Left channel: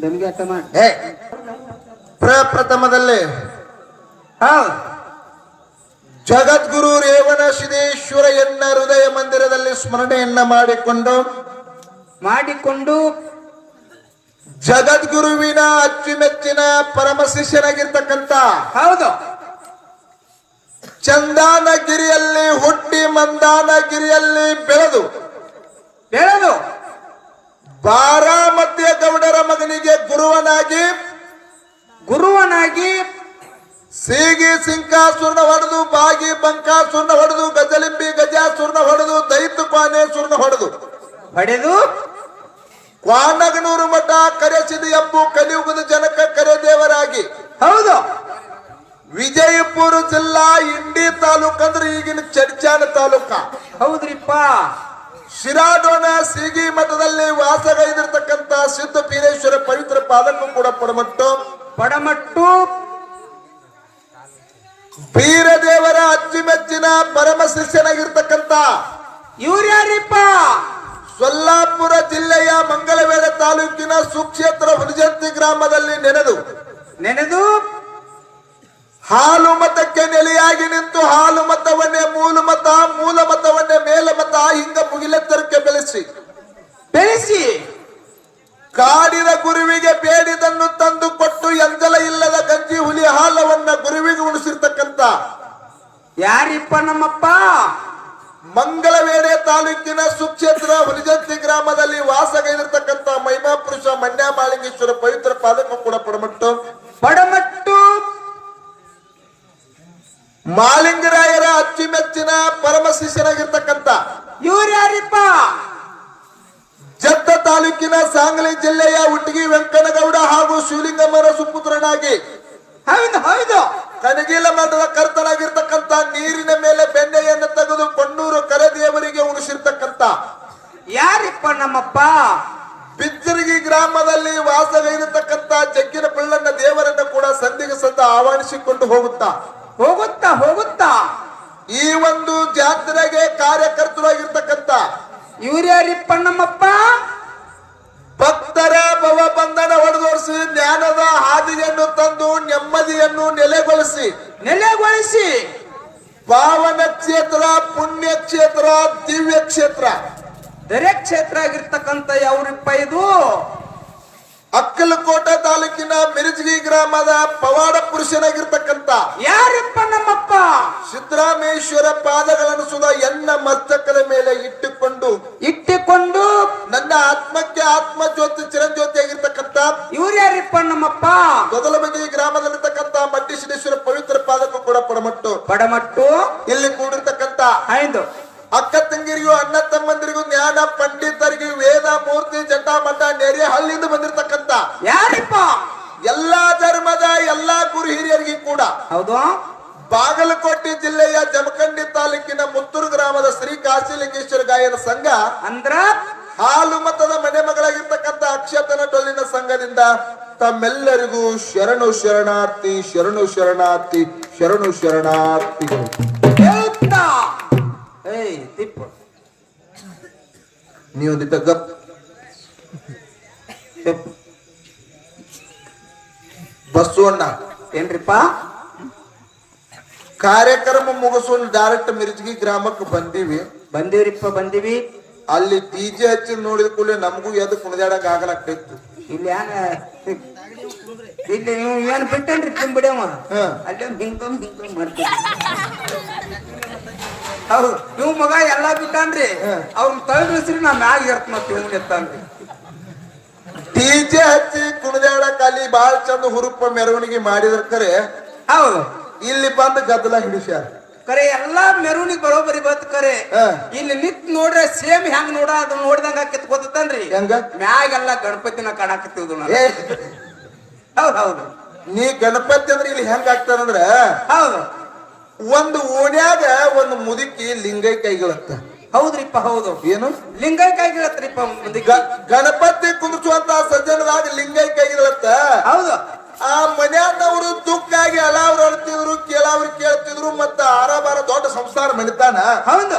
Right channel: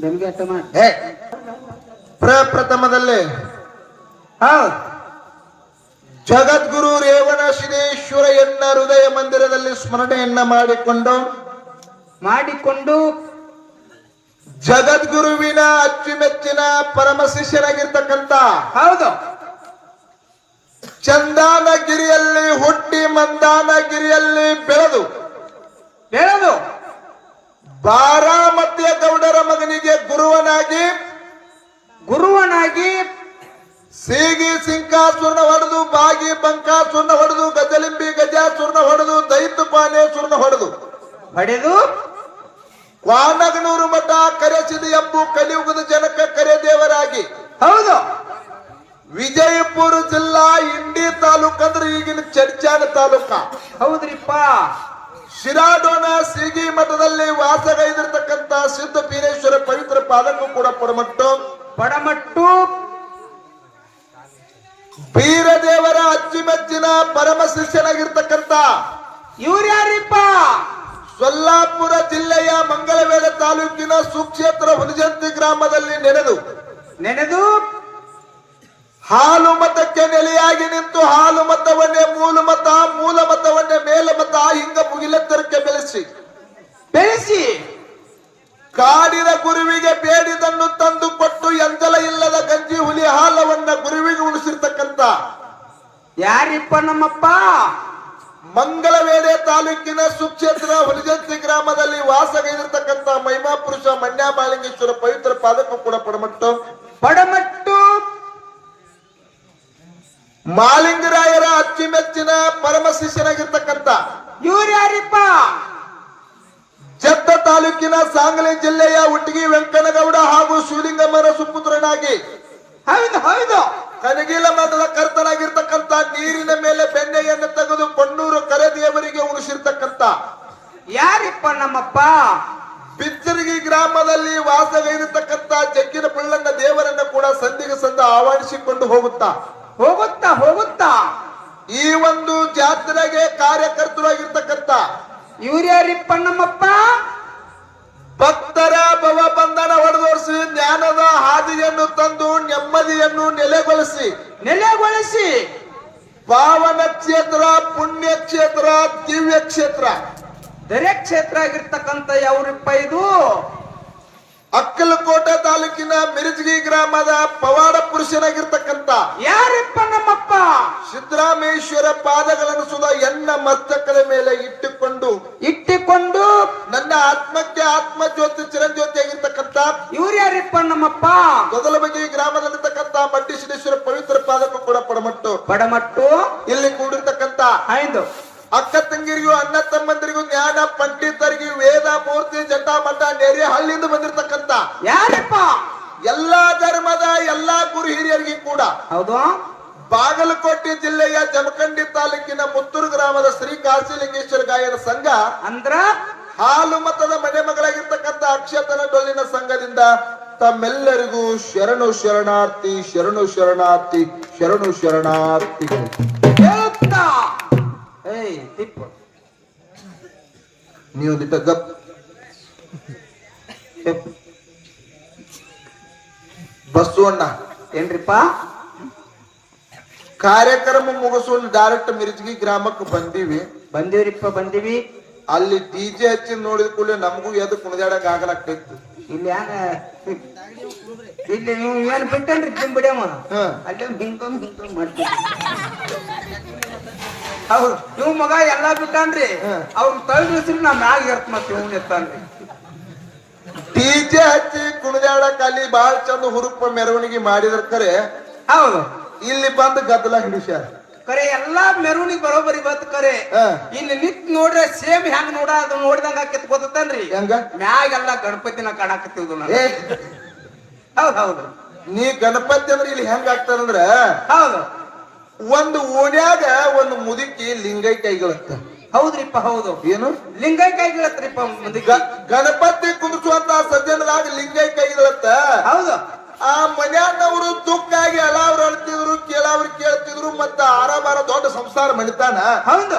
ನಮ್ಗೆ ಅರ್ಥ ಮಾಡಿ ಏ ಪ್ರಪ್ರಥಮದಲ್ಲಿ ಜಗದ್ಗುರು ರೇವಣ ಸಿದ್ದೇಶ್ವರ ಎನ್ನ ಹೃದಯ ಮಂದಿರದಲ್ಲಿ ಸ್ಮರಣೆಯನ್ನ ಮಾಡಿಕೊಂಡು ಮಾಡಿಕೊಂಡು ಜಗದ್ಗುರುವಿನ ಅಚ್ಚುಮೆಚ್ಚಿನ ಪರಮ ಶಿಷ್ಯನಾಗಿರ್ತಕ್ಕಂತ ಹೌದು. ಚಂದಾನಗಿರಿಯಲ್ಲಿ ಹುಟ್ಟಿ ಮಂದಾನಗಿರಿಯಲ್ಲಿ ಬೆಳೆದು ಬೆಳೆದು. ಬಾರಾಮತಿಯ ಗೌಡರ ಮಗನಿಗೆ ಗುರುವನಾಗಿ ಗುರುವನಾಗಿ ಸೀಗಿ ಸಿಂಕಾಸುರನ ಹೊಡೆದು ಬಾಗಿ ಬಂಕಾಸುರನ ಹೊಡೆದು ಗಜಲಿಂಬಿ ಸುರ್ಣ ಹೊಡೆದು ದೈತು ಸುರ್ಣ ಹೊಡೆದು. ಹೊಡೆದು ಕ್ವಾನಗನೂರು ಮಠ ಕರೆಸಿದ ಎಂಬು ಕಲಿಯುಗದ ಜನಕ ಕರೆ ದೇವರಾಗಿ ಹೌದು. ವಿಜಯಪುರ ಜಿಲ್ಲಾ ಇಂಡಿ ತಾಲೂಕ್ ಅಂದ್ರೆ ಈಗಿನ ಚಡ್ಚಾನ ತಾಲೂಕ. ಹೌದ್ರಿಪ್ಪ. ಶಿರಾಡೋಣ ಸಿಗಿ ಮಠದಲ್ಲಿ ವಾಸಗೈದಿರತಕ್ಕಂತ ಸಿದ್ಧ ಪೀರೇಶ್ವರ ಪವಿತ್ರ ಪಾದಕ್ಕೂ ಕೂಡ ಪಡಮಟ್ಟು. ಪಡಮಟ್ಟು. ಬೀರದೇವರ ಅಚ್ಚುಮೆಚ್ಚಿನ ಪರಮ ಶಿಷ್ಯನಾಗಿರ್ತಕ್ಕಂತ ಇವ್ರ್ಯಾರಿಪ್ಪ? ಸೊಲ್ಲಾಪುರ ಜಿಲ್ಲೆಯ ಮಂಗಳವೇದ ತಾಲೂಕಿನ ಸುಕ್ಷೇತ್ರ ಹುಣಜಂತಿ ಗ್ರಾಮದಲ್ಲಿ ನೆನೆದು. ನೆನೆದು. ಹಾಲು ಮತಕ್ಕೆ ನೆಲೆಯಾಗಿ ನಿಂತು ಹಾಲು ಮತವನ್ನೇ ಮೂಲ ಮತ ಮೂಲ ಮತವನ್ನೇ ಮೇಲ ಮತ ಹಿಂಗ ಮುಗಿಲೆತ್ತರಕ್ಕೆ ಬೆಳೆಸಿ. ಬೆಳೆಸಿ. ಕಾಡಿದ ಗುರುವಿಗೆ ಬೇಡಿದನ್ನು ತಂದು ಕೊಟ್ಟು ಎಂಜಲ ಇಲ್ಲದ ಗಂಜಿ ಹುಲಿ ಹಾಲವನ್ನ ಗುರುವಿಗೆ ಉಣಿಸಿರ್ತಕ್ಕಂತ. ಯಾರಿಪ್ಪ ನಮ್ಮಪ್ಪ? ಮಂಗಳವೇಡೆ ತಾಲೂಕಿನ ಸುಕ್ಷೇತ್ರ ಹುಲಿಜಂತಿ ಗ್ರಾಮದಲ್ಲಿ ವಾಸಗೈದಿರ್ತಕ್ಕಂತ ಮಹಿಮಾ ಪುರುಷ ಮಂಡ್ಯ ಮಾಲಿಂಗೇಶ್ವರ ಪವಿತ್ರ ಪಾದಕ ಕೂಡ ಪಡಮಟ್ಟು. ಪಡಮಟ್ಟು. ಮಾಲಿಂಗರಾಯರ ಅಚ್ಚುಮೆಚ್ಚಿನ ಪರಮ ಶಿಷ್ಯನಾಗಿರ್ತಕ್ಕಂಥ ಇವ್ರು ಯಾರಿಪ್ಪ? ಜತ್ತ ತಾಲೂಕಿನ ಸಾಂಗ್ಲಿ ಜಿಲ್ಲೆಯ ಹುಟ್ಟಿಗಿ ವೆಂಕನಗೌಡ ಹಾಗೂ ಶಿವಲಿಂಗಮ್ಮರ ಸುಪುತ್ರನಾಗಿ ಹೌದು ಹೌದು. ಕನಗಿಲ ಮಠದ ಕರ್ತನಾಗಿರ್ತಕ್ಕಂಥ ನೀರಿನ ಮೇಲೆ ಬೆಣ್ಣೆಯನ್ನು ತೆಗೆದು ಕೊಣ್ಣೂರು ಕರೆದೇವರಿಗೆ ಉಣಿಸಿರ್ತಕ್ಕಂಥ ಯಾರಿಪ್ಪ ನಮ್ಮಪ್ಪ? ಬಿಚ್ಚರಗಿ ಗ್ರಾಮದಲ್ಲಿ ವಾಸಗೈದಿರ್ತಕ್ಕಂಥ ಜಗ್ಗಿನ ಪಿಳ್ಳಣ್ಣ ದೇವರನ್ನ ಕೂಡ ಸಂಧಿಗೆ ಸಂದ ಆಹ್ವಾನಿಸಿಕೊಂಡು ಹೋಗುತ್ತಾ. ಹೋಗುತ್ತಾ ಹೋಗುತ್ತಾ. ಈ ಒಂದು ಜಾತ್ರೆಗೆ ಕಾರ್ಯಕರ್ತರಾಗಿರ್ತಕ್ಕಂಥ ನಮ್ಮಪ್ಪ? ಭಕ್ತರ ಭವ ಬಂಧನ ಹೊಡೆದೋರಿಸಿ ಜ್ಞಾನದ ಹಾದಿಯನ್ನು ತಂದು ನೆಮ್ಮದಿಯನ್ನು ನೆಲೆಗೊಳಿಸಿ. ನೆಲೆಗೊಳಿಸಿ. ಪಾವನ ಕ್ಷೇತ್ರ ಪುಣ್ಯ ಕ್ಷೇತ್ರ ದಿವ್ಯ ಕ್ಷೇತ್ರ. ದರೆ ಕ್ಷೇತ್ರ ಆಗಿರ್ತಕ್ಕಂಥ ಯಾವ್ರಿಪ್ಪ ಇದು? ಅಕ್ಕಲಕೋಟೆ ತಾಲೂಕಿನ ಮಿರಜಗಿ ಗ್ರಾಮದ ಪವಾಡ ಪುರುಷನಾಗಿರ್ತಕ್ಕಂತ ಯಾರಪ್ಪ ನಮ್ಮಪ್ಪ? ಸಿದ್ದರಾಮೇಶ್ವರ ಪಾದಗಳನ್ನು ಸುಧಾ ಎನ್ನ ಮಸ್ತಕದ ಮೇಲೆ ಇಟ್ಟುಕೊಂಡು ಇಟ್ಟುಕೊಂಡು ನನ್ನ ಆತ್ಮಕ್ಕೆ ಆತ್ಮ ಜ್ಯೋತಿ ಚಿರಂಜ್ಯೋತಿ ಆಗಿರ್ತಕ್ಕಂತ ಇವ್ರು ಯಾರಪ್ಪ ನಮ್ಮಪ್ಪ ಗೊದಲಬಗಿ ಗ್ರಾಮದಲ್ಲಿರ್ತಕ್ಕಂಥ ಮಡ್ಡಿ ಸಿದ್ದೇಶ್ವರ ಪವಿತ್ರ ಪಾದಕ್ಕೂ ಕೂಡ ಪಡಮಟ್ಟು ಪಡಮಟ್ಟು ಇಲ್ಲಿ ಕೂಡಿರ್ತಕ್ಕಂಥ ಹೌದು ಅಕ್ಕ ತಂಗಿರಿಗೂ ಅಣ್ಣ ತಮ್ಮಂದಿರಿಗೂ ಜ್ಞಾನ ಪಂಡಿತರಿಗೂ ವೇದ ಮೂರ್ತಿ ಜಟ್ಟಾ ಮಠ ನೆರೆ ಹಳ್ಳಿಯಿಂದ ಬಂದಿರತಕ್ಕಂತ ಯಾರಪ್ಪ? ಎಲ್ಲಾ ಧರ್ಮದ ಎಲ್ಲಾ ಗುರು ಹಿರಿಯರಿಗೆ ಕೂಡ ಹೌದು. ಬಾಗಲಕೋಟೆ ಜಿಲ್ಲೆಯ ಜಮಖಂಡಿ ತಾಲೂಕಿನ ಮುತ್ತೂರು ಗ್ರಾಮದ ಶ್ರೀ ಕಾಶಿಲಿಂಗೇಶ್ವರ ಗಾಯನ ಸಂಘ ಅಂದ್ರ? ಹಾಲು ಮತದ ಮನೆ ಮಗಳಾಗಿರ್ತಕ್ಕಂಥ ಅಕ್ಷತನ ಡೊಳ್ಳಿನ ಸಂಘದಿಂದ ತಮ್ಮೆಲ್ಲರಿಗೂ ಶರಣು ಶರಣಾರ್ಥಿ ಶರಣು ಶರಣಾರ್ಥಿ ಶರಣು ಶರಣಾರ್ಥಿ. ನೀವೊಂದಿಟ್ಟ ಗಪ್. ಬಸವಣ್ಣ ಏನ್ರಿಪ್ಪ? ಕಾರ್ಯಕ್ರಮ ಮುಗಿಸೋನ್ ಡೈರೆಕ್ಟ್ ಮಿರ್ಜಗಿ ಗ್ರಾಮಕ್ಕೆ ಬಂದೀವಿ. ಬಂದಿವ್ರಿಪ್ಪ ಬಂದೀವಿ. ಅಲ್ಲಿ ಡಿಜೆ ಹಚ್ಚಿ ನೋಡಿದ ಕೂಡಲೇ ನಮಗೂ ಎದ್ದು ಕುಣಿದಾಡಕ್ ಆಗಲಾಗ್ತಿತ್ತು ಇಲ್ಲಿ ಹ್ಯಾಂಗ ಇಲ್ಲಿ ನೀವು ಏನ್ ಬಿಟ್ಟನ್ರಿ ತಿಂಬಿಡ್ಯಮ್ಮ. ಅಲ್ಲೇ ಹಿಂಕೊಂಡ್ ಹಿಂಕೊಂಡ್ ಮಾಡ್ತೀವಿ ಹೌದು ಇವ್ ಮಗ ಎಲ್ಲಾ ಬಿಟ್ಟನ್ರಿ. ಅವ್ನ ತಳ್ಳಿಸ್ರಿ ನಾ ಮ್ಯಾಗ ಇರ್ತ ಮತ್ತೆ ಹಿಂಗ್ ಎತ್ತಾನ್ರಿ ಡಿಜೆ ಹಚ್ಚಿ ಕುಣಿದಾಡಕ್ ಅಲ್ಲಿ ಬಾಳ ಚಂದ ಹುರುಪ ಮೆರವಣಿಗೆ ಮಾಡಿದ್ರ ಕರೆ. ಹೌದು. ಇಲ್ಲಿ ಬಂದು ಗದ್ದಲ ಹಿಡಿಸ್ಯಾರ. ಕರೆ ಎಲ್ಲಾ ಮೆರವಣಿಗೆ ಬರೋಬರಿ ಬತ್ ಕರೆ. ಇಲ್ಲಿ ನಿತ್ ನೋಡ್ರೆ ಸೇಮ್ ಹೆಂಗ್ ನೋಡ ಅದು ನೋಡ್ದಂಗ ಕಿತ್ಕೋತನ್ರಿ ಹೆಂಗ? ಮ್ಯಾಗೆಲ್ಲ ಗಣಪತಿನ ಕಾಣಕತ್ತಿವ್ದು ಹೌದು ಹೌದು. ನೀ ಗಣಪತಿ ಅಂದ್ರೆ ಇಲ್ಲಿ ಹೆಂಗ ಆಗ್ತದಂದ್ರ ಹೌದು. ಒಂದು ಓಣ್ಯಾಗ ಒಂದು ಮುದುಕಿ ಲಿಂಗೈ ಕೈಗಳತ್ತ. ಹೌದ್ರಿಪ್ಪ ಹೌದು. ಏನು? ಲಿಂಗೈಕಾಯಿ ಗಿಳತ್ರಿಪ್ಪ ಮುಂದಕ್ಕೆ ಗಣಪತಿ ಕುಡಿಸುವಂತ ಸಜ್ಜನದಾಗ ಲಿಂಗೈ ಕೈಗಳತ್ತ? ಹೌದು. ಆ ಮನ್ಯಾನವರು ತುಕ್ಕಾಗಿ ಅಲಾವ್ರು ಅಳ್ತಿದ್ರು ಕೇಳಾವ್ರು ಕೇಳ್ತಿದ್ರು ಮತ್ತ ಆರಾಮಾರ ದೊಡ್ಡ ಸಂಸಾರ ನಡೀತಾನ ಹೌದು.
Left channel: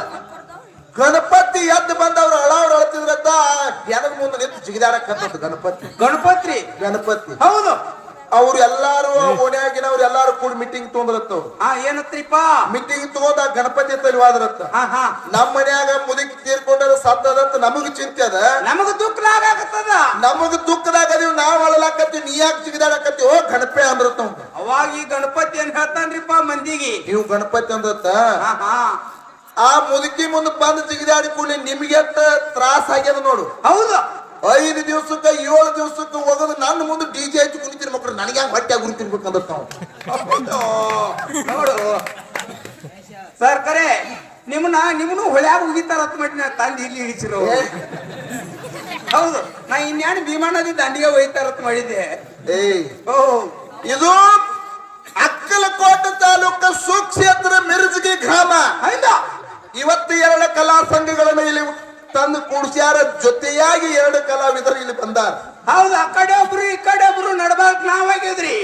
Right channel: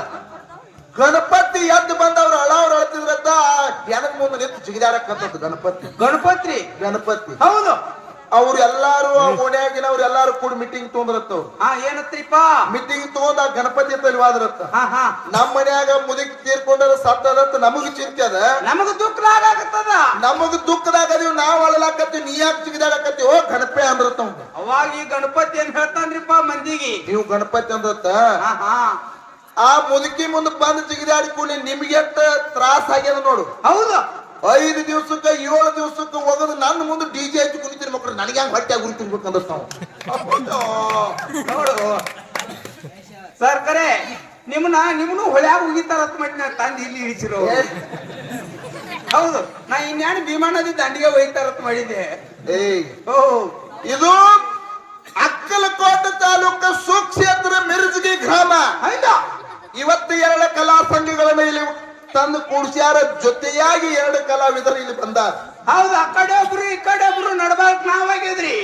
ಗಣಪತಿ ಎದ್ದು ಬಂದವ್ರು ಅಳಾವ್ರು ಅಳ್ತಿದ್ರಂತ ಜನದ ಮುಂದೆ ನಿಂತು ಜಿಗಿದಾಡಕ್ಕಂಥದ್ದು ಗಣಪತಿ. ಗಣಪತಿ ಗಣಪತಿ. ಹೌದು. ಅವ್ರು ಎಲ್ಲಾರು ಓಣ್ಯಾಗಿನವ್ರು ಎಲ್ಲಾರು ಕೂಡ ಮೀಟಿಂಗ್ ತಗೊಂಡ್ರತ್ತವ್ರು ಹಾ ಏನತ್ರಿಪ್ಪ? ಮೀಟಿಂಗ್ ತಗೊಂಡ ಗಣಪತಿ ತಲ್ವಾದ್ರತ್ತ ಹಾ ಹಾ. ನಮ್ಮ ಮನ್ಯಾಗ ಮುದುಕಿ ತೀರ್ಕೊಂಡ್ರ ಸತ್ತದತ್ತ ನಮಗ್ ಚಿಂತೆ ಅದ. ನಮಗ ದುಃಖ ಆಗತ್ತದ? ನಮಗ್ ದುಃಖದಾಗ ಅದೀವಿ ನಾವ್ ಅಳಲಾಕತ್ತೀವಿ ನೀ ಯಾಕೆ ಜಿಗಿದಾಡಕತ್ತಿ? ಓ ಗಣಪೆ ಅಂದ್ರತ್ತ. ಅವಾಗ ಈ ಗಣಪತಿ ಅಂತ ಹೇಳ್ತಾನ್ರಿಪ್ಪ ಮಂದಿಗೆ? ನೀವು ಗಣಪತಿ ಅಂದ್ರತ್ತ? ಹಾ ಹಾ. ಆ ಮುದುಕಿ ಮುಂದೆ ಬಂದು ಜಿಗಿದಾಡಿ ಕೂಡಲೇ ನಿಮ್ಗೆ ತ್ರಾಸ ಆಗ್ಯದ ನೋಡು. ನೋಡು. ಸರ್ ಕರೆ ನಿಮ್ಮನ್ನ ನಿಮ್ಮನ್ನು ಹೊಳ್ಯಾಗ ಉಗಿತಾರ ಮಟ್ಟಿನ ತಂದು ಇಲ್ಲಿ ಇಳಿಸಿರೋ ಹೌದು ನಾ ಇನ್ಯಾಣ ವಿಮಾನದ ನದಿ ದಂಡಿಗೆ ಹೋಯ್ತಾರ ಮಾಡಿದ್ದೆ. ಏಯ್. ಓ ಇದು ಅಕ್ಕಲಕೋಟೆ ತಾಲೂಕ ಸುಕ್ಷೇತ್ರ ಮಿರ್ಜ್ಗಿ ಗ್ರಾಮ. ಹೌದಾ? ಇವತ್ತು ಎರಡು ಕಲಾ ಸಂಘಗಳನ್ನು ಇಲ್ಲಿ ತಂದು ಕೂಡಿಸ್ಯಾರ ಜೊತೆಯಾಗಿ ಎರಡು ಕಲಾವಿದರು ಇಲ್ಲಿ ಬಂದಾರ. ಹೌದು ಆ ಕಡೆ ಒಬ್ರು ಈ ಕಡೆ ಒಬ್ರು ನಡ್ಬಾರ್ಕ್ ನಾವಾಗಿದ್ರಿ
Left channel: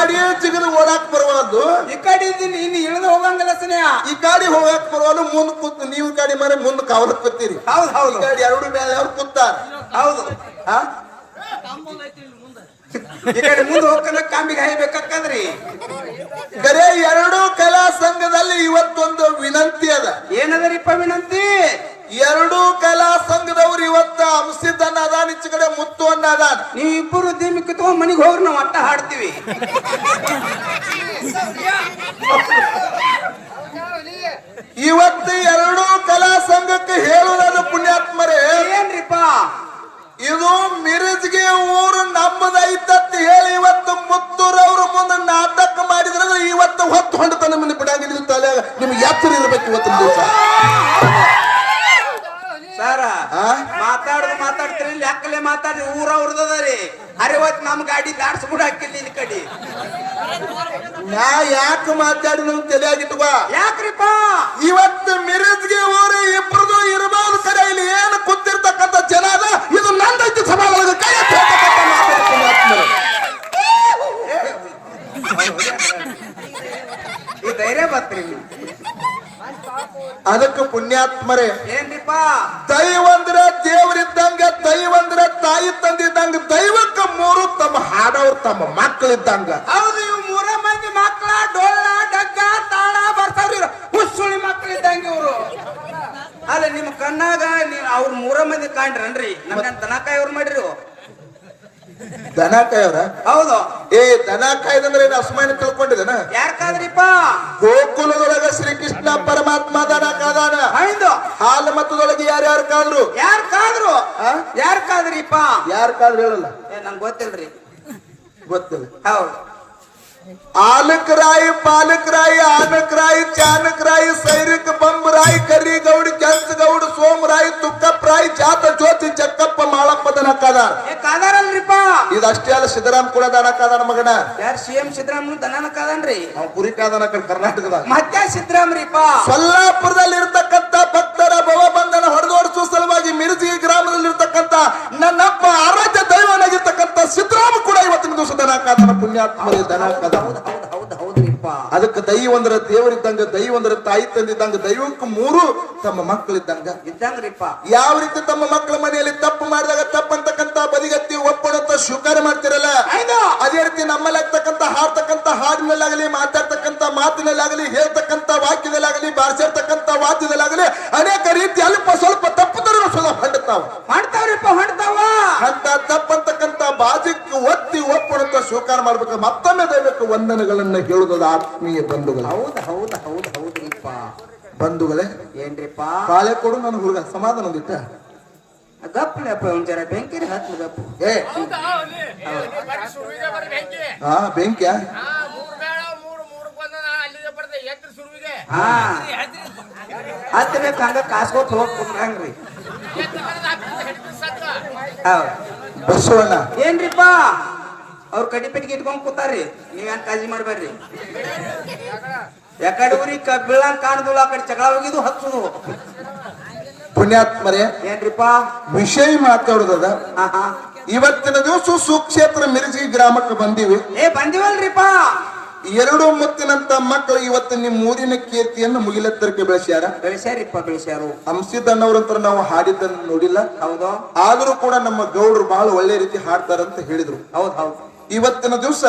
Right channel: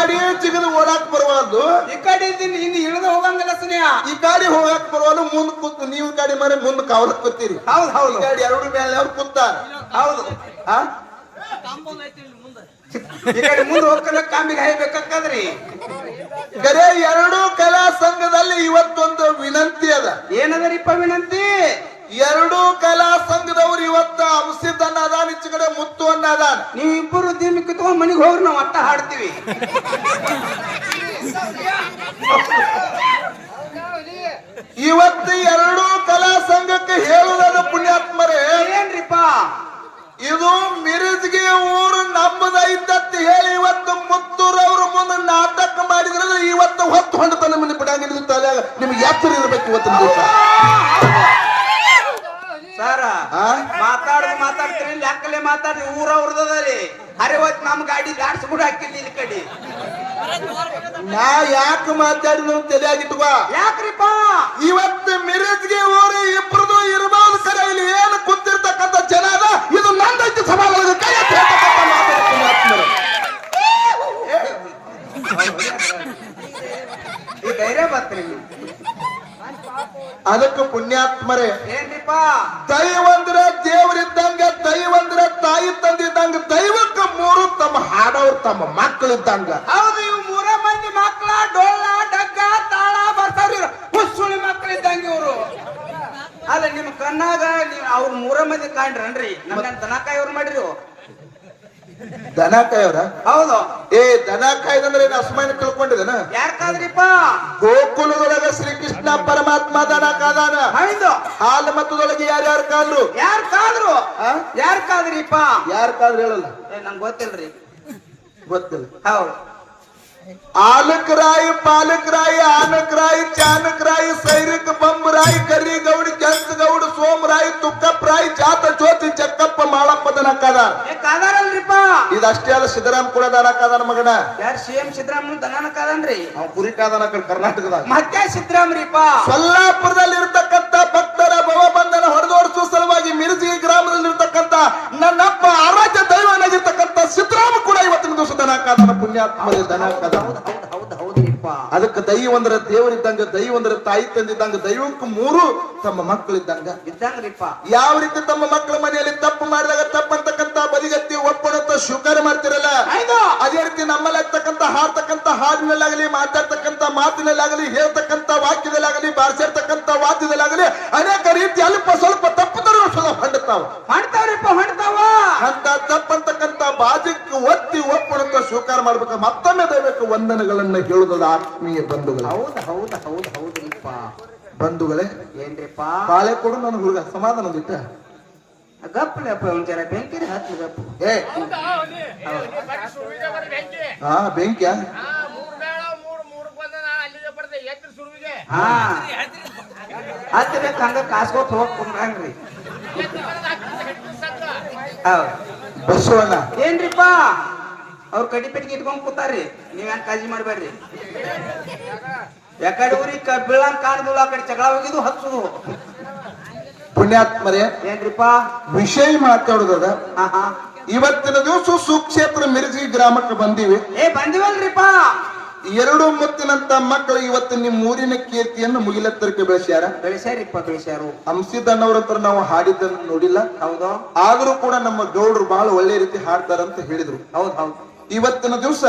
ಈ ಗಾಡಿ ಸಿಗದು ಓಡಾಕ್ ಬರಬಾರ್ದು ಈ ಕಡೆ ಇದ್ದೀನಿ ಇನ್ನು ಇಳಿದು ಹೋಗಂಗಿಲ್ಲ ಸ್ನೇಹ. ಈ ಗಾಡಿ ಹೋಗಾಕ್ ಬರುವಾಗ ಮುಂದ್ ಕೂತ್ ನೀವು ಗಾಡಿ ಮನೆ ಮುಂದ್ ಕಾವಲ ಕೂತೀರಿ ಹೌದು ಈ ಹೌದು ಗಾಡಿ ಎರಡು ಮೇಲೆ ಅವ್ರು ಕೂತಾರ. ಹೌದು. ಆ? ಈ ಕಡೆ ಮುಂದೆ ಹೋಗ್ಕಲ್ಲ ಕಾಂಬಿಗೆ ಹಾಯ್ಬೇಕಂದ್ರಿ ಕರೆ ಎರಡೂ ಕಲಾ ಸಂಘದಲ್ಲಿ ಇವತ್ತೊಂದು ವಿನಂತಿ ಅದ. ಏನದರಿಪ್ಪ ವಿನಂತಿ? ಎರಡೂ ಕಲಾ ಸಂಘದವ್ರು ಇವತ್ತ ಅಂಶಿದ್ದನ್ನ ಅದಾನ ಈಚೆ ಕಡೆ ಮುತ್ತು ಅನ್ನ ಅದಾನ. ನೀ ಇಬ್ಬರು ಉದ್ಯಮಕ್ಕೆ ತಗೊಂಡ್ ಮನೆಗೆ ಹೋಗ್ರಿ ನಾವು ಅಟ್ಟ ಹಾಡ್ತೀವಿ. ಇವತ್ತು ಎರಡೂ ಕಲಾ ಸಂಘಕ್ಕೆ ಹೇಳುವುದಾದ ಪುಣ್ಯಾತ್ಮರೇ ಏನ್ರಿಪ್ಪ? ಇದು ಮಿರಜ್ಗೆ ಊರು ನಮ್ಮದೈತತ್ ಹೇಳಿ ಇವತ್ತು ಮುತ್ತೂರವ್ರ ಮುಂದೆ ನಾಟಕ ಮಾಡಿದ್ರೆ ಇವತ್ತು ಹೊತ್ತು ಹೊಂಡತನ ನಮ್ಮನ್ನು ಬಿಡಂಗಿಲ್ಲ. ತಲೆ ನಿಮ್ಗೆ ಎಚ್ಚರ ಇರ್ಬೇಕು ಇವತ್ತಿನ ದಿವಸ ಸರ ಆ? ಮಾತಾಡುದು ಮಾತಾಡಿ ಮಾತಾಡ್ರಿ ಊರ ಅವ್ರದರಿ ಅರವತ್ ನಮ್ ಗಾಡಿ ದಾಡ್ಸ್ಬಿಡ್ ಹಾಕಿಲ್ಲ ಇಲ್ಲಿ ಕಡೆ ನಾ ಯಾಕೆ ಮಾತಾಡಿದ ತಲೆಯಾಗಿಟ್ವ ಯಾಕ್ರಿಪ್ಪ ಇವತ್ತು ಮಿರಜ್ಗೆ ಊರು ಇಬ್ಬರದು ಇರಬಾರ್ದು ಕರೆ ಇಲ್ಲಿ ಏನು ಕೂತಿರ್ತಕ್ಕಂಥ ಜನ ಅದ ಇದು ನಂದೈತಿ ಸಮಾಜದ ಕೈ ಈ ಧೈರ್ಯ ಬರ್ತೀರಿ ನೀವು. ಅದಕ್ಕೆ ಪುಣ್ಯಾತ್ಮರೇ. ದೈವ ಅಂದ್ರೆ ದೇವರಿದ್ದಂಗ ದೈವ ಅಂದ್ರೆ ತಾಯಿ ತಂದಿದ್ದಂಗ ದೈವಕ್ಕೆ ಮೂರು ತಮ್ಮ ಹಾಡವ್ರು ತಮ್ಮ ಮಕ್ಕಳಿದ್ದಂಗ ಹೌದು ಇವ್ ಮೂರ ಮಂದಿ ಮಕ್ಳ ಡೊಳ್ಳ ಡಗ್ಗ ತಾಳ ಬರ್ತಾವ್ರಿ ಹುಸುಳಿ ಮಕ್ಕಳು ಇದ್ದಂಗ ಇವರು. ಅಲ್ಲ ನಿಮ್ ಕಣ್ಣಾಗ ನೀ ಅವ್ರ ಮೂರ ಮಂದಿ ಕಾಣ್ರನ್ರಿ. ನಮ್ಗೆ ತನಕ ಕಾಯವ್ರು ಮಾಡ್ರಿ. ದನ ಕಾಯೋರ ಹೌದು. ಏ ದನ ಕಾಯ್ದಂದ್ರೆ ಏನು ಅಸಮಾನ ತಿಳ್ಕೊಂಡಿದನ ಯಾರ್ ಕಾದ್ರಿಪ್ಪ ಗೋಕುಲದೊಳಗ ಶ್ರೀಕೃಷ್ಣ ಪರಮಾತ್ಮ ದನ ಕಾದಾನ ಹೌದು. ಹಾಲು ಮತದೊಳಗೆ ಯಾರ್ಯಾರು ಕಾದ್ರು? ಯಾರು ಕಾದ್ರು ಯಾರು ಯಾರ್ ಕಾದ್ರಿಪ್ಪ ಯಾರು ಕಾದ್ರು ಹೇಳಲ್ಲ. ಏ ನಂಗೆ ಗೊತ್ತಿಲ್ರಿ. ಗೊತ್ತಿಲ್ಲ. ಹೌದು. ಆಲಕ್ ರಾಯಿ ಪಾಲಕ್ ರಾಯಿ ಆನಕ್ ರಾಯಿ ಚಾನಕ್ ರಾಯಿ ಸೈರಿಕ್ ಬಂಬ್ ರಾಯಿ ಕರಿ ಗೌಡಿ ರಾಯಿ ಜಾತ ಜ್ಯೋತಿ ಚಕ್ಕಪ್ಪ ಮಾಳಪ್ಪ ದನ ಕಾದ ಕಾದಾರಲ್ರಿಪ್ಪ. ಇದಷ್ಟೇ ಅಲ್ಲ ಸಿದ್ದರಾಮ್ ಕೂಡ ದನ ಕಾದಾನ ಮಗನ. ಯಾರ್ ಸಿಎಂ ಎಂ ಸಿದ್ದರಾಮನ್ ದನನ ಕಾದನ್ರಿ ನಾವು ಕುರಿ ಕಾದಾನ ಕರ್ನಾಟಕದ. ಮತ್ತೆ ಸಿದ್ದರಾಮ್ರಿಪ್ಪ. ಸೊಲ್ಲಾಪುರದಲ್ಲಿ ಇರತಕ್ಕಂತ ಭಕ್ತರ ಭವಬಂಧನ ಹೊಡೆದೋಡಿಸುವ ಸಲುವಾಗಿ ಮಿರ್ಜಿ ಗ್ರಾಮದಲ್ಲಿ ಇರತಕ್ಕಂತ ನನ್ನಪ್ಪ ಆರಾಧ್ಯ ದೈವನಾಗಿರ್ತಕ್ಕಂತ ಸಿದ್ದರಾಮ ಕೂಡ ಇವತ್ತಿನ ದಿವಸ ದನ ಕಾದಾನ ಪುಣ್ಯಾತ್ಮದಲ್ಲಿ ದನ ಹೌದ್ರಿಪ್ಪ ಅದಕ್ಕೆ ದೈವ ಅಂದ್ರೆ ದೇವರಿದ್ದಂಗ ದೈವ ಅಂದ್ರೆ ತಾಯಿ ತಂದಿದ್ದಂಗ ದೈವಕ್ಕೂ ಮೂರು ತಮ್ಮ ಮಕ್ಕಳಿದ್ದಂಗ. ಇದ್ದಂಗ್ರಿಪ್ಪ. ಯಾವ ರೀತಿ ತಮ್ಮ ಮಕ್ಕಳ ಮನೆಯಲ್ಲಿ ತಪ್ಪು ಮಾಡಿದಾಗ ತಪ್ಪಂತಕ್ಕಂತ ಬದಿಗತ್ತಿ ಒಪ್ಪಣತ್ತ ಸ್ವೀಕಾರ ಮಾಡ್ತಿರಲ್ಲ? ಅದೇ ರೀತಿ ನಮ್ಮಲ್ಲಿ ಆಗ್ತಕ್ಕಂತ ಹಾಡ್ತಕ್ಕಂತ ಹಾಡಿನಲ್ಲಾಗಲಿ ಮಾತಾಡ್ತಕ್ಕಂತ ಮಾತಿನಲ್ಲಾಗಲಿ ಹೇಳ್ತಕ್ಕಂತ ವಾಕ್ಯದಲ್ಲಾಗಲಿ ಬಾರಿಸಿರ್ತಕ್ಕಂತ ವಾದ್ಯದಲ್ಲಾಗಲಿ ಅನೇಕ ರೀತಿ ಅಲ್ಪ ಸ್ವಲ್ಪ ತಪ್ಪು ತರ ಸುಲಭ ಹೊಂಡುತ್ತಾವ ಮಾಡ್ತಾವ್ರಿಪ್ಪ ಮಾಡ್ತಾವ ಅಂತ ತಪ್ಪಂತಕ್ಕಂತ ಬಾಜಿಕ್ಕೆ ಒತ್ತಿ ಸ್ವೀಕಾರ ಮಾಡ್ಬೇಕು ಮತ್ತೊಮ್ಮೆ ದೈವಕ್ಕೆ ವಂದನೆಗಳನ್ನ ಹೇಳುವುದ ಆತ್ಮೀಯ ಬಂಧುಗಳ. ಹೌದು ಹೌದು ಹೌದು ಹೌದ್ರಿಪ್ಪ ಬಂಧುಗಳೇ ಏನ್ರಿಪ್ಪ? ಕಾಲೆ ಕೊಡು ನನ್ನ ಹುಡುಗ ಸಮಾಧಾನ ಹೊಂದಿತ್ತ ಬೆಂಕಿ ಗಪ್ಪು. ಏ ಹಾ ಬೆಂಕ್ಯಾ? ಹಾ ಹತ್ತಬೇಕು ಹಂಗ ಕಾಸ್ಕೊಟ್ ಹೋಗ್ಕೊಂಡ್ರಿ ಹೌದ್. ಬಸವಣ್ಣ. ಏನ್ರಿಪ್ಪ? ಅವ್ರ ಕಡಿ ಪೆಟ್ಟಿಗೆ ಇಟ್ಕೊಂಡ್ ಕೂತಾರ್ರಿ. ನೀವೇನ್ ಕಾಳಜಿ ಮಾಡ್ಬೇಡ್ರಿ? ಯಾಕಡೆ ಊರಿಗೆ ಕಬ್ಬಿಳ ಕಾಣದಿಲ್ಲ ಆ ಕಡೆ ಜಗಳ ಹೋಗಿದ್ದು ಹಚ್ಚುದು ಪುಣ್ಯಾತ್ಮರೇ ಏನ್ರಿಪ್ಪ? ವಿಷಯ ಮಾತಾಡುದದ. ಇವತ್ತಿನ ದಿವಸ ಸುಕ್ಷೇತ್ರ ಮಿರ್ಜಿ ಗ್ರಾಮಕ್ಕೆ ಬಂದೀವಿ. ಏ ಬಂದಿವಲ್ರಿಪ್ಪ? ಎರಡು ಮುತ್ತಿನಂತ ಮಕ್ಕಳು ಇವತ್ತು ನಿಮ್ಮ ಊರಿನ ಕೀರ್ತಿಯನ್ನು ಮುಗಿಲೆತ್ತರಕ್ಕೆ ಬೆಳೆಸ್ಯಾರ? ಬೆಳೆಸ್ಯಾರಿಪ್ಪ ಬೆಳೆಸ್ಯಾರು. ಹಂಸಿದ್ದಣ್ಣವ್ರಂತ ನಾವು ಹಾಡಿದ್ದನ್ನು ನೋಡಿಲ್ಲ. ಹೌದು? ಆದ್ರೂ ಕೂಡ ನಮ್ಮ ಗೌಡ್ರು ಬಹಳ ಒಳ್ಳೆ ರೀತಿ ಹಾಡ್ತಾರಂತ ಹೇಳಿದ್ರು. ಹೌದು ಹೌದು. ಇವತ್ತಿನ ದಿವಸ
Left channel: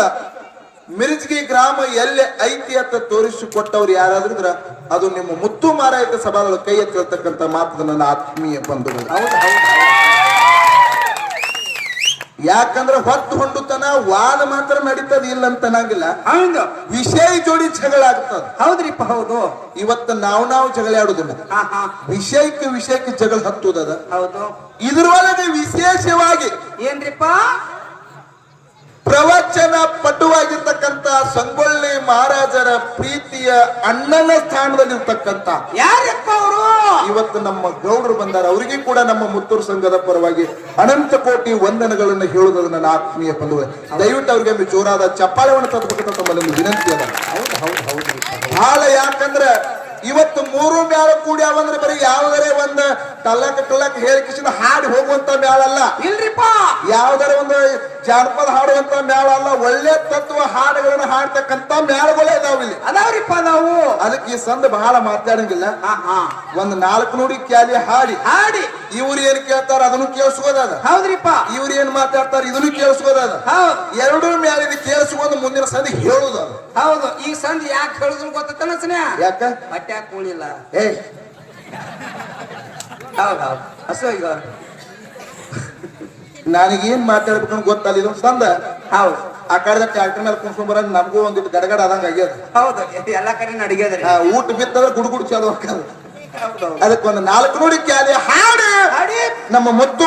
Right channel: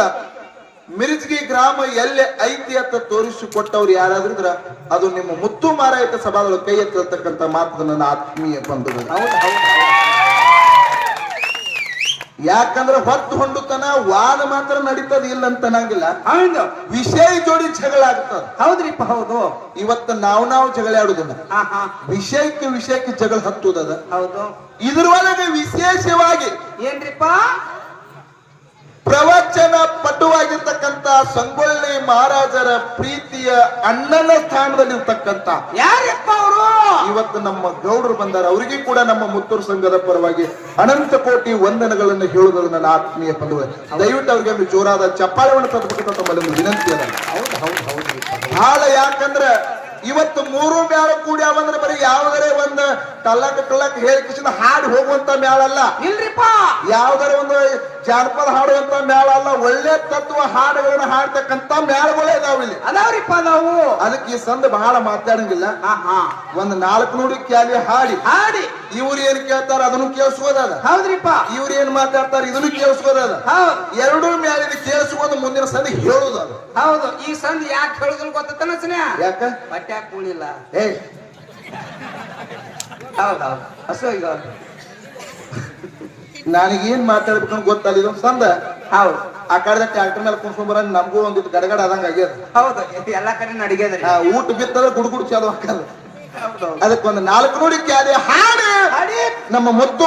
ಮಿರ್ಜ್ಗಿ ಗ್ರಾಮ ಎಲ್ಲಿ ಐತಿ ಅಂತ ತೋರಿಸಿಕೊಟ್ಟವ್ರು ಯಾರಾದ್ರೂ ಅದು ನಿಮ್ಮ ಮುತ್ತು ಮಾರಾಯಿತ ಸಭಾಗಳು ಕೈ ಎತ್ತಿರ್ತಕ್ಕಂಥ ಮಾತು ನನ್ನ ಆತ್ಮೀಯ ಬಂಧುಗಳು ಯಾಕಂದ್ರ ಹೊತ್ತು ಹೊಂಡುತನ ವಾದ ಮಾತ್ರ ನಡೀತದ ಇಲ್ಲ ಅಂತ ಅನ್ನಂಗಿಲ್ಲ. ಹಂಗ ವಿಷಯ ಜೋಡಿ ಜಗಳ ಆಗ್ತದ. ಹೌದ್ರಿಪ್ಪ ಹೌದು. ಇವತ್ತು ನಾವು ನಾವು ಜಗಳ ಆಡುದಿಲ್ಲ. ವಿಷಯಕ್ಕೆ ವಿಷಯಕ್ಕೆ ಜಗಳ ಹತ್ತುದದ. ಹೌದು. ಇದ್ರೊಳಗೆ ವಿಶೇಷವಾಗಿ ಏನ್ರಿಪ್ಪ? ಪ್ರವಚನ ಪಟುವಾಗಿರ್ತಕ್ಕಂತ ಸಂಗೊಳ್ಳಿ ಮಹಾರಾಜರ ಪ್ರೀತಿಯ ಅಣ್ಣನ ಸ್ಥಾನದಲ್ಲಿ ಇರ್ತಕ್ಕಂತ ಯಾರಪ್ಪ ಅವರು? ಇವತ್ತು ನಮ್ಮ ಗೌಡರು ಬಂದಾರ. ಅವರಿಗೆ ಕೂಡ ನಮ್ಮ ಮುತ್ತೂರು ಸಂಘದ ಪರವಾಗಿ ಅನಂತ ಕೋಟಿ ವಂದನಗಳನ್ನು ಹೇಳುವುದು ನನ್ನ ಆತ್ಮೀಯ ಪಲ್ಲುವೆ ದಯವಿಟ್ಟು ಅವ್ರಿಗೆ ಜೋರಾದ ಚಪ್ಪಾಳವನ್ನು ತರಬೇಕಂತ ತಮ್ಮಲ್ಲಿ ವಿನಂತಿ ಅದ. ಬಹಳ ಯಾಕಂದ್ರೆ ಇವತ್ತು ಮೂರು ಮೇಳ ಕೂಡಿ ಅವಂದ್ರೆ ಬರೀ ಯಾವ್ದಾರೇ ಒಂದು ಟಲ್ಲಕ್ ಟಲ್ಲಕ್ ಹೇಳಿ ಕಿಶನ್ ಹಾಡಿ ಹೋಗುವಂತ ಮೇಳ ಅಲ್ಲ ಇಲ್ರಿಪ್ಪ. ಯಾವ್ದಾರ ಜಾನಪದ ಹಾಡುವಂತ ಮೇಳ ಅಲ್ಲ ಒಳ್ಳೆ ತತ್ವ ಹಾಡುಗಳನ್ನ ಹಾಡ್ತಕ್ಕಂತ ಮೇಳಗಳೇ ಇದಾವ ಇಲ್ಲಿ. ಅದಾವ್ರಿಪ್ಪ ನಾವು. ಅದಕ್ಕೆ ಈ ಸಂದ ಬಹಳ ಮಾತಾಡಂಗಿಲ್ಲ. ಒಂದ್ ನಾಲ್ಕು ನುಡಿ ಕ್ಯಾಲಿ ಹಾಡಿ. ಹಾಡಿ. ಇವ್ರು ಏನ್ ಕೇಳ್ತಾರ ಅದನ್ನು ಕೇಳಿಸ್ಕೋದದ ಹೌದ್ರಿಪ್ಪ. ಇವ್ರು ಏನ್ ಮಾತಾಡ್ತಾರ ಇದನ್ನು ಕೇಳಿಸ್ಕೋದದ ಹೌದು. ಎರಡೂ ಮೇಲಿಗೆ ಕೇಳಿಸ್ಕೊಂಡು ಮುಂದಿನ ಸಂದಿ ಹೇಳುದ ಹೌದು. ಈ ಸಂದ ಯಾಕೆ ಹೇಳುದಿಲ್ಲ ಗೊತ್ತಲ್ಲ ಸ್ನೇಹ ಯಾಕ? ಬಟ್ಟೆ ಹಾಕೊಂಡಿಲ್ಲ ಏ ಹೌದು ಹೌದು. ಹಸು ಈಗ ನನಗೇನ್ ಮಾತಾಡ್ಬೇಕು ಗೊತ್ತಲ್ಲ ಇದು ಸಂದ. ಹೌದು. ಆ ಕಡೆ ಟ್ಯಾಕ್ಟರ್ ಮೇಲೆ ಕುಂಸ್ಕೊಂಡ್ ಬರ ನಮಗೂ ಒಂದಿಟ್ಟು ಗಡಗಡ ಆದಂಗ ಆಗ್ಯದ. ಹೌದು ಎಲ್ಲಾ ಕಡೆ ನಡಿಗೆದ್ರಿ ಆ, ಊಟ ಬಿತ್ತಂದ್ರೆ ಗುಡು ಗುಡ್ಸಿ ಅದಕ್ಕೊಂದು ನಾಲ್ಕು ನೋಡಿ ಕ್ಯಾದೆ ಹಾಡು. ಹಾಡಿ. ನಮ್ಮ ಮುದ್ದು